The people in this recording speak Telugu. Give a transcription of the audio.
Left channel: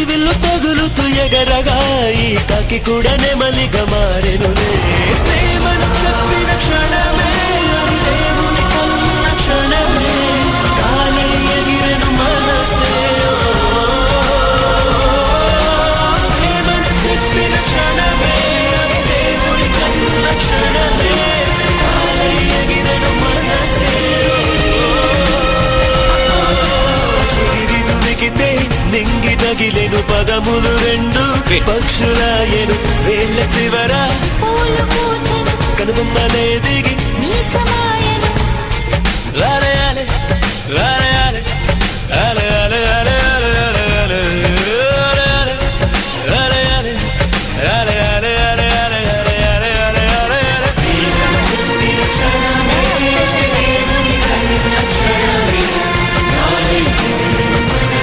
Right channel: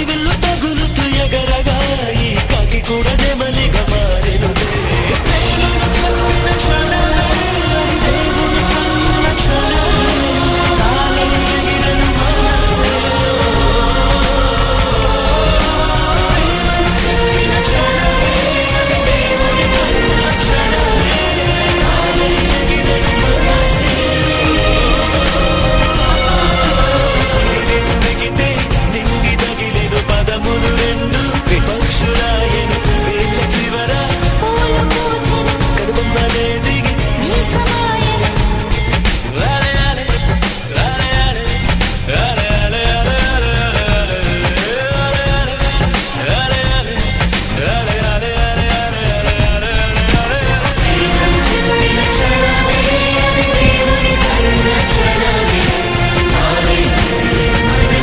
హరివిల్లు తగులుతూ ఎగరగా ఈ కాకి కూడా నెమలిగా మారెనులే. ప్రేమను చెప్పిన క్షణమే అది దేవుని కన్న క్షణమే, గాలి ఎగిరను మనసే. ప్రేమను చెప్పిన క్షణమే అది దేవుని కన్న క్షణమే, గాలి ఎగిరను మనసే. చిగిరి దుమికితే నింగి తగిలిను పదములు రెండు, పక్షుల